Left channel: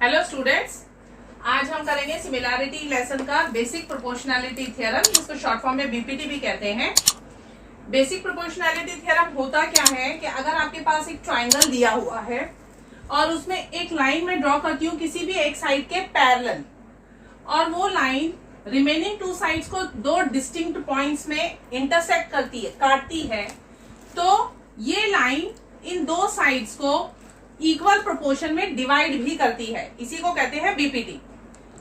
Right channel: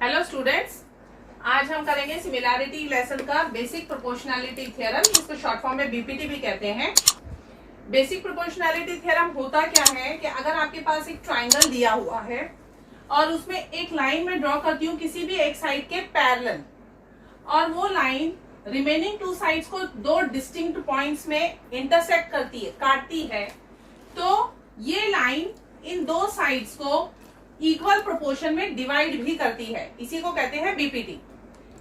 Hello students, आज हम करेंगे सिमिलैरिटी लेसन का बेसिक प्रोपोर्शनैलिटी थ्योरम, जिसको शॉर्ट फॉर्म में बीपीटी भी कहते हैं। बेसिक प्रोपोर्शनैलिटी थ्योरम होता क्या है कि अगर आपके पास एक ट्राइंगल दिया हुआ है और उसमें एक लाइन में ड्रॉ करती हूँ किसी भी एक साइड के पैरेलल, और वो लाइन रिमेनिंग टू साइड्स को दो डिस्टिंक्ट पॉइंट्स में इंटरसेक्ट करती है, काटती है, तो ये लाइन इन दो साइड्स को इक्वल प्रोपोर्शन में डिवाइड भी करती है। इसी को कहते हैं BPT.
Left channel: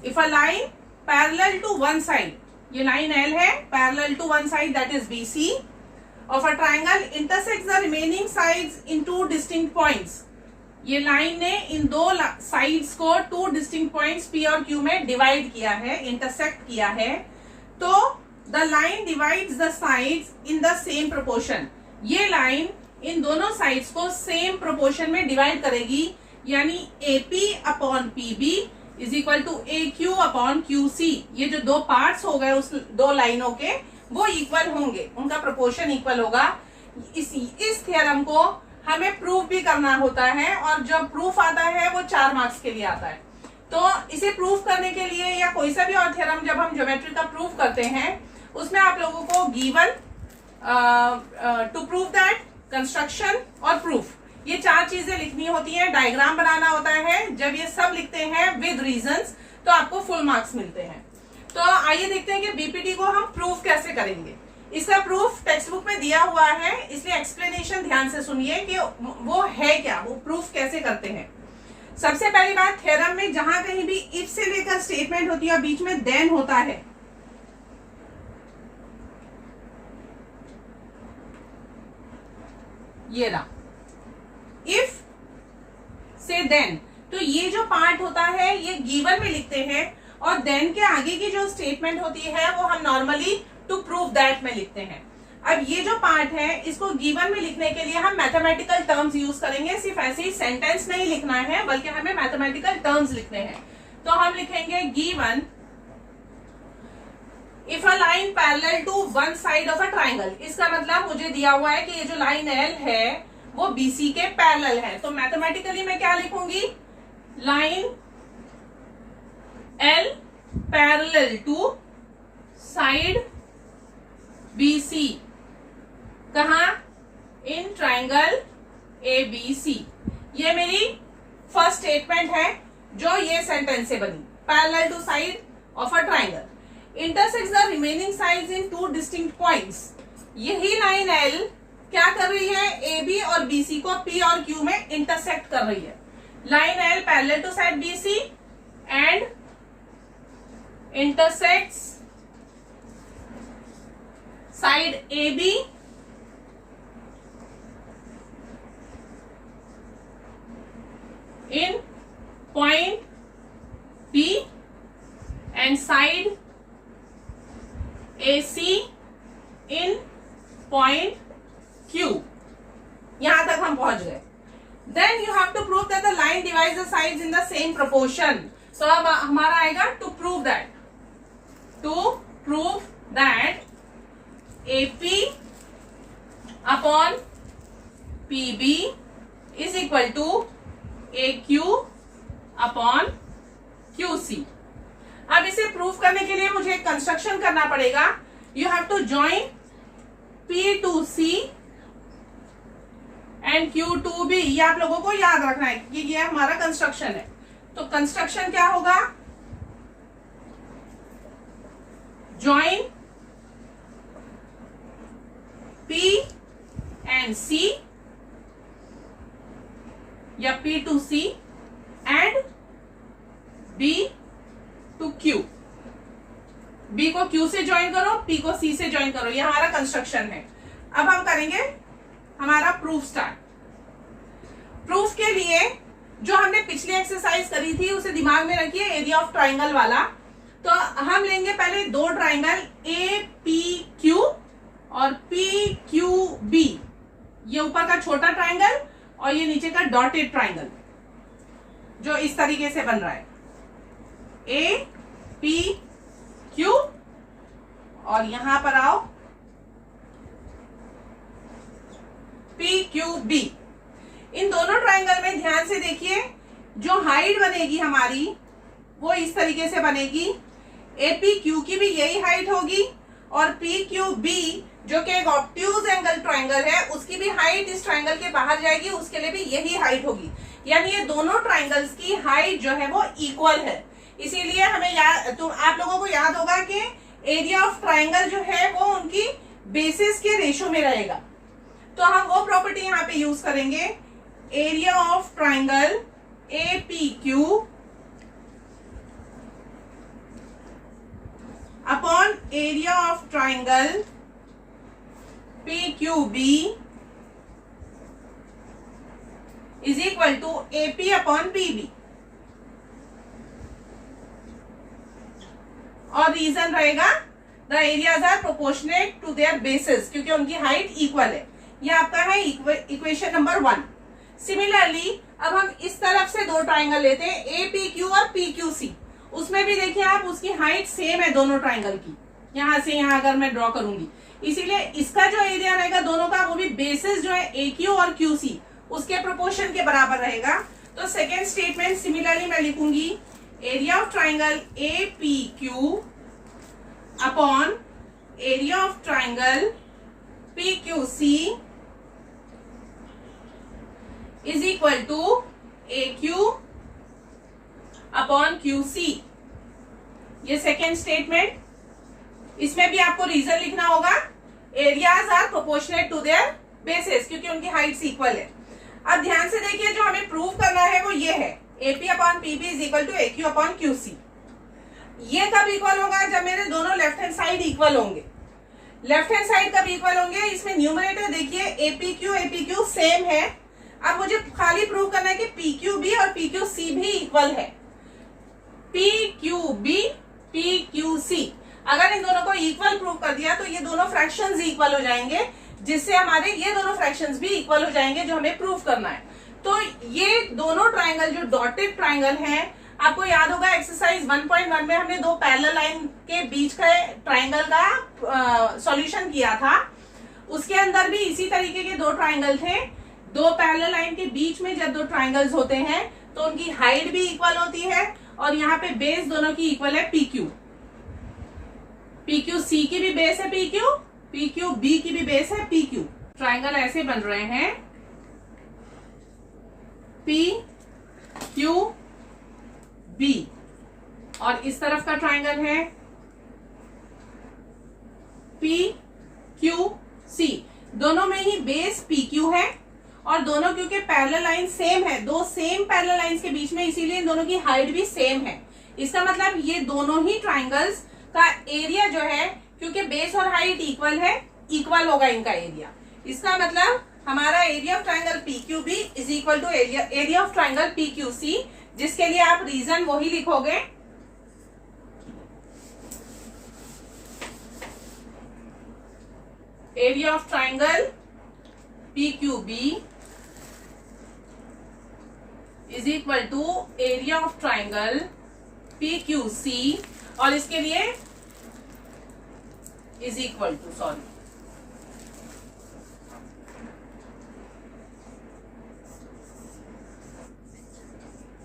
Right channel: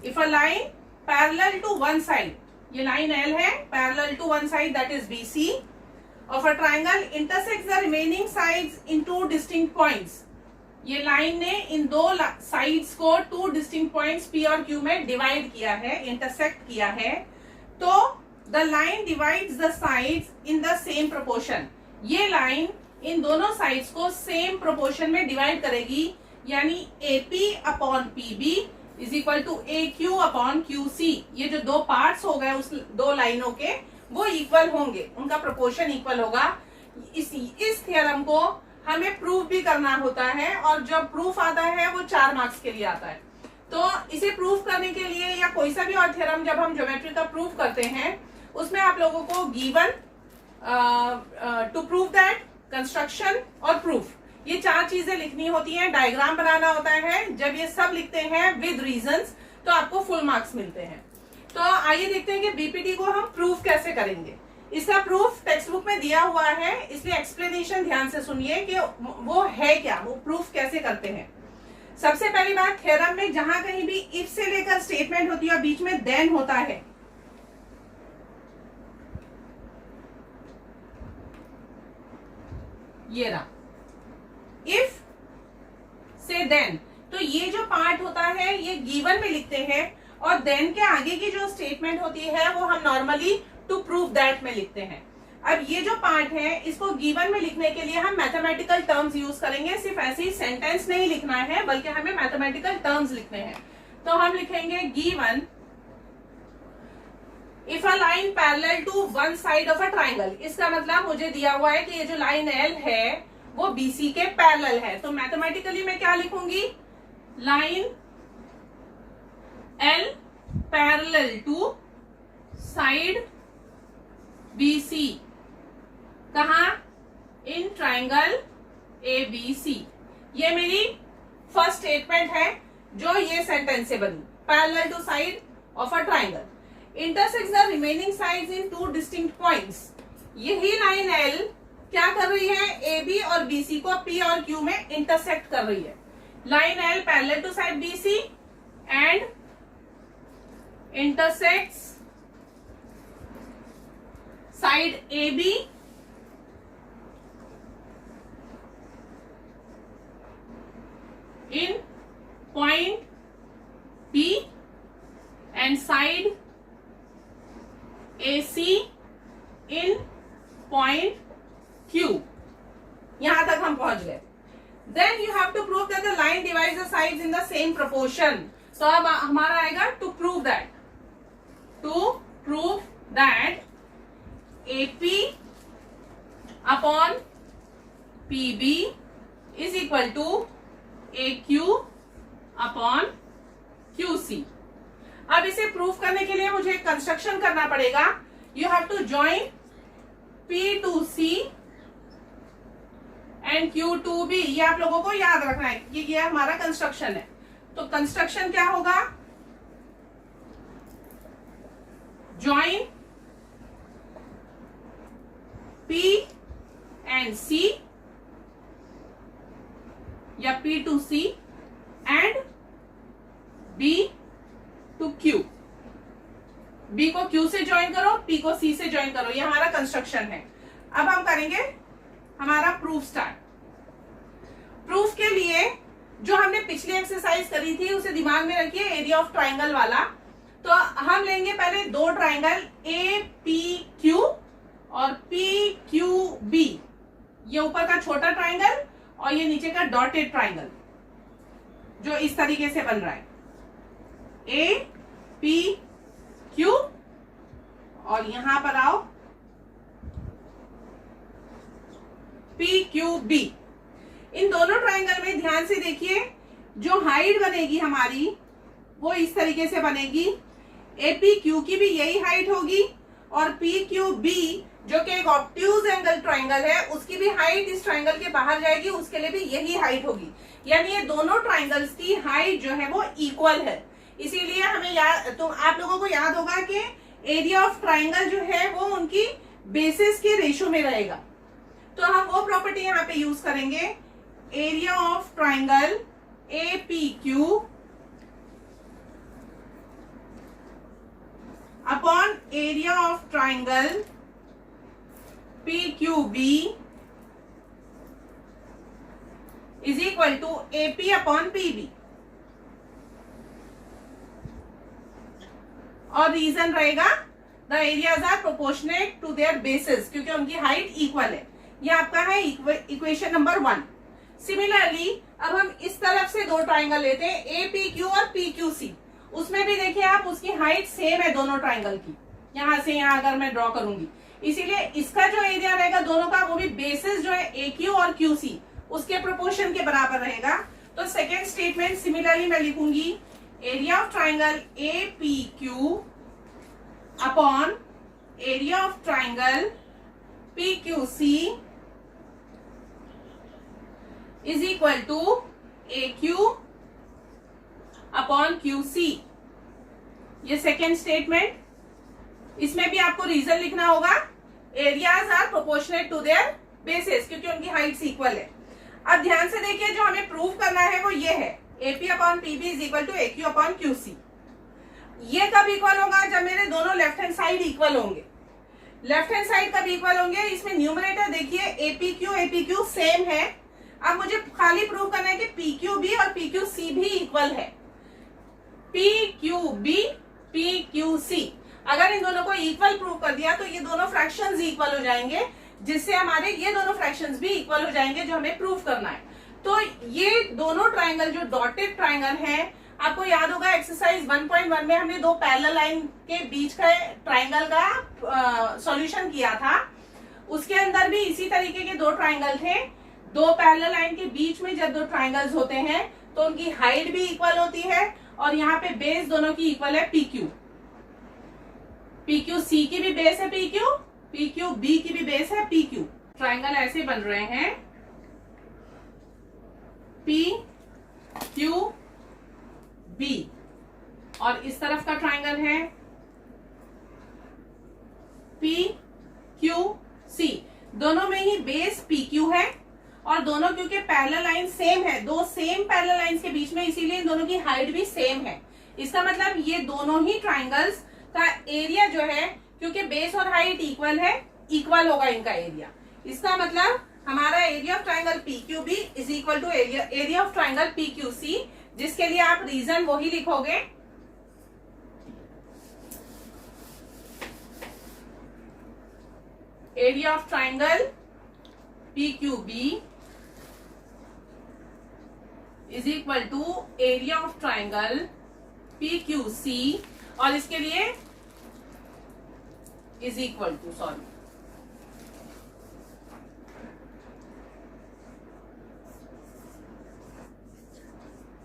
If a line parallel to one side, ये लाइन एल है, parallel to one side that is BC of a triangle intersects the remaining sides in two distinct points, ये लाइन ने इन दो साइड्स को टू डिस्टिंक्ट पॉइंट्स पी और Q में divide किया है, इंटरसेक्ट किया है, तो the line divides the sides in the same proportion. ये लाइन इन दोनों साइड्स को सेम प्रोपोर्शन में डिवाइड करेगी, यानी AP upon PB is equal to AQ upon QC। ये जो दो पार्ट्स हो गए उस दो लाइनों के, वो इक्वल होंगे, उनका प्रोपोर्शन इक्वल होगा। इस थ्योरम को हमें प्रूफ भी करना होता है, और जब प्रूफ आता है वो 4 मार्क्स के लिए आता है। तो इसे प्रूफ करने के लिए या कोई सा भी और थ्योरम जब हम ज्योमेट्री का प्रूफ करते हैं, उसमें आप लोगों को given, to prove that, construction और प्रूफ, ये 4 चीजें लिखनी होती हैं, डायग्राम बनाना होता है। जब ये सब लिखते हैं विद रीजंस तो आपको फुल मार्क्स मिलते हैं। तो आइए देखते हैं कि बीपीटी को हम प्रूफ कैसे करेंगे। इसका प्रूफ टेक्स्ट बुक में दिया हुआ है, इसलिए एक्सप्लेनेशन ध्यान से सुनिए कि वो है क्या, वो प्रूफ कैसे करते हैं। सबसे पहली बात, थ्योरम में जहां कहीं भी इफ से लेकर स्टेटमेंट होती है और बीच में देन होता है, ये रहा इफ से देन, तो ये जो पार्ट होता है ये गिवन में लिखते हैं, और देन के आगे की जो स्टेटमेंट होती है वो हम नॉर्मली टू प्रूव दैट में लिखते हैं। अब ये जो पार्ट है इसको गिवन में लिखने के लिए हम मैथमेटिकल टर्म्स यूज करेंगे। सिर्फ ऐसे ही सेंटेंस नहीं लिखना है, बल्कि हमें मैथमेटिकल टर्म्स लिखने हैं। तो हम लिखेंगे given if a line parallel to one side of a triangle. इसका मतलब मुझे दिया हुआ है कि ये जो लाइन एल है वो बीसी के पैरेलल है, तो मैथमेटिकली मैं क्या लिखूंगी, line L parallel to side BC, कहा, इन ट्राइंगल ABC। ये मेरी फर्स्ट स्टेटमेंट है जो ये सेंटेंस से बनी, parallel to side of a triangle intersects the remaining sides in two distinct points। यही लाइन L क्या कर रही है, AB और BC को P और Q में इंटरसेक्ट कर रही है। Line L parallel to side BC and intersects side AB in point P and side AC in point Q। यहां तक हम पहुंच गए। Then you have to prove that the line divides the sides in the same proportion। तो अब हमारा आएगा to prove that, AP upon PB is equal to AQ upon QC। अब इसे प्रूफ करने के लिए मुझे कंस्ट्रक्शन करना पड़ेगा। You have to join P to C and Q to B। ये आप लोगों को याद रखना है, ये हमारा कंस्ट्रक्शन है। तो कंस्ट्रक्शन क्या होगा, जॉइन P एंड C या P to C and B to Q। B को Q से ज्वाइन करो, P को C से ज्वाइन करो, ये हमारा कंस्ट्रक्शन है। अब हम करेंगे हमारा प्रूफ स्टार्ट। प्रूफ के लिए जो हमने पिछली एक्सरसाइज करी थी उसे दिमाग में रखिए, एरिया ऑफ ट्राइंगल वाला। तो हम लेंगे पहले दो ट्राइंगल APQ और PQB, ये ऊपर का छोटा ट्राइंगल और ये नीचे का डॉटेड ट्राइंगल जो इस तरीके से बन रहा है, APQ, और यहां पर आओ PQB। इन दोनों ट्राइंगल में ध्यान से देखिए, जो हाइट बनेगी हमारी वो इस तरीके से बनेगी, एपी क्यू की भी यही हाइट होगी और पी क्यू बी जो कि एक ऑब्ट्यूज एंगल ट्राइंगल है उसकी भी हाइट इस ट्राइंगल के बाहर जाएगी, उसके लिए भी यही हाइट होगी। यानी ये दोनों ट्राइंगल्स की हाइट जो है वो इक्वल है। इसीलिए हमें याद, तो आप लोगों को याद होगा कि एरिया ऑफ ट्राइंगल जो है वो उनकी बेसिस के रेशो में रहेगा। तो हम वो प्रॉपर्टी यहाँ पे यूज करेंगे, area of triangle A P Q upon area of triangle P Q B is equal to AP upon PB. और रीजन रहेगा the areas are proportionate to their bases, क्योंकि उनकी हाइट इक्वल है। ये आपका है इक्वेशन नंबर 1। सिमिलरली अब हम इस तरफ से दो ट्राइंगल लेते हैं, ए पी क्यू और पी क्यू सी। उसमें भी देखिए आप, उसकी हाइट सेम है दोनों ट्राइंगल की, यहां से यहां अगर मैं ड्रॉ करूंगी, इसीलिए इसका जो एरिया रहेगा दोनों का वो भी बेसिस जो है ए क्यू और क्यू सी उसके प्रोपोर्शन के बराबर रहेगा। तो सेकेंड स्टेटमेंट सिमिलरली मैं लिखूंगी, area of triangle A P Q upon area of triangle P Q C is equal to A Q upon Q C. ये सेकेंड स्टेटमेंट, इसमें भी आपको रीजन लिखना होगा, areas are proportionate to their bases, क्योंकि उनकी हाइट्स इक्वल है। अब ध्यान से देखिए, जो हमें प्रूव करना है वो ये है, AP upon PB is equal to A Q upon Q C. ये कब इक्वल होगा? जब मेरे दोनों लेफ्ट हैंड साइड इक्वल होंगे। लेफ्ट हैंड साइड कब इक्वल होंगे? इसमें न्यूमरेटर देखिए एपी क्यू सेम है। अब मुझे खाली प्रूव करना है कि पी क्यू बी और पी क्यू सी भी इक्वल है। P Q B P Q C, अगर इन दोनों को इक्वल प्रूव कर दिया तो ये दोनों फ्रैक्शंस इक्वल हो जाएंगे, जिससे हमारे ये दोनों फ्रैक्शंस भी इक्वल हो जाएंगे जो हमें प्रूव करना है। तो ये दोनों ट्राइंगल जो डॉटेड ट्राइंगल हैं, आपको याद होगा एक्सरसाइज 1.1 में हमने दो पैरेलल लाइन के बीच का ट्राइंगल का सॉल्यूशन किया था। उसके अंदर भी इसी तरीके के दो ट्राइंगल थे। दो पैरेलल लाइन के बीच में जब दो ट्राइंगल्स होते हैं तो उनकी हाइट भी इक्वल होती है और यहाँ पे बेस दोनों की इक्वल है P Q. P Q C की भी बेस है पी क्यू बी की भी बेस है पी क्यू। ट्राइंगल ऐसे बन रहे हैं, पी क्यू बी, और इस तरफ का ट्राइंगल है पी क्यू सी। दोनों में ही बेस पी क्यू है और दोनों क्योंकि पैरेलल लाइन सेम है, दो सेम पैरेलल लाइंस के बीच में, इसीलिए दोनों की हाइट भी सेम है। इसका मतलब ये दोनों ही ट्राइंगल्स का एरिया जो है, क्योंकि बेस और हाइट इक्वल है, इक्वल होगा इनका एरिया। इसका मतलब हमारा area of triangle P Q B is equal to area of triangle P Q C, जिसके लिए आप रीजन वही लिखोगे, area of triangle P Q B is equal to area of triangle P Q C, और इसके लिए is equal to, sorry,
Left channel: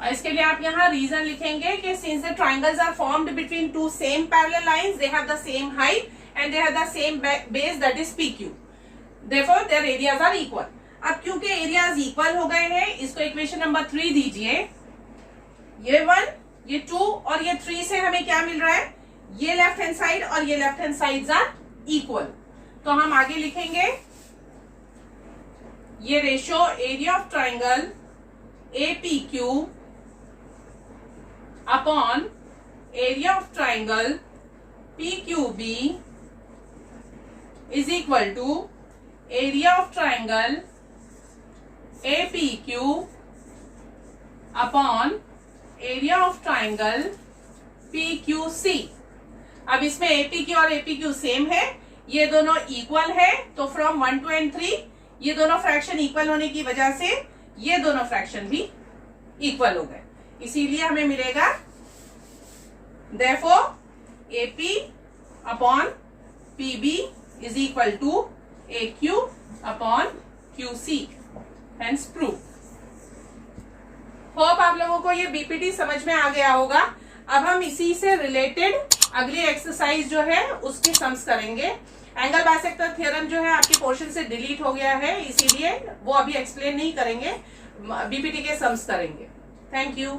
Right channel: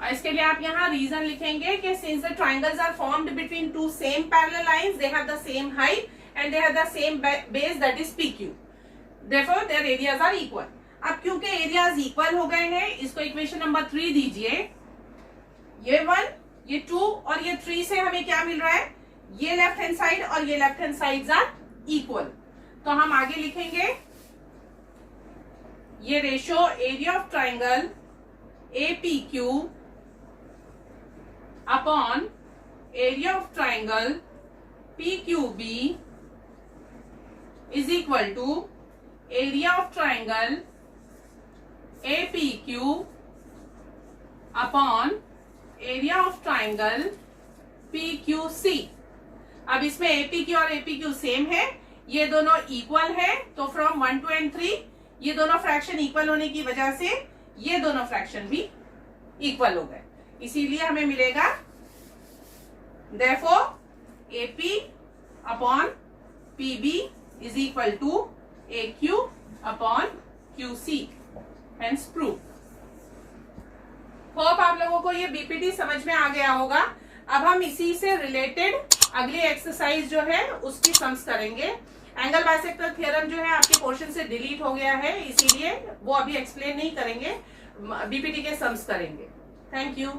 और इसके लिए आप यहाँ रीजन लिखेंगे कि since the triangles are formed between two same parallel lines, they have the same height and they have the same base, that is P Q, therefore their areas are equal. अब क्योंकि areas equal हो गए हैं, इसको equation number 3 दीजिए। ये 1, ये 2 और ये 3 से हमें क्या मिल रहा है? ये लेफ्ट हैंड साइड और ये left hand sides are equal. तो हम आगे लिखेंगे, ये ratio area of triangle A P Q upon area of triangle P Q B is equal to area of triangle A P Q upon area of triangle P Q C. अब इसमें AP Q और AP Q same है, ये दोनों equal है, तो from 1 to 3 ये दोनों फ्रैक्शन इक्वल होने की वजह से ये दोनों फ्रैक्शन भी इक्वल हो गए। इसीलिए हमें मिलेगा therefore AP upon PB is equal to A Q upon Q C, hence prove. Hope आप लोगों को ये बीपीटी समझ में आ गया होगा। अब हम इसी से रिलेटेड अगली एक्सरसाइज जो है उसकी सम्स करेंगे। एंगल बाइसेक्टर थ्योरम जो है आपकी पोर्शन से डिलीट हो गया है, इसीलिए वो अभी एक्सप्लेन नहीं करेंगे, बीपीटी के सम्स करेंगे। Thank you.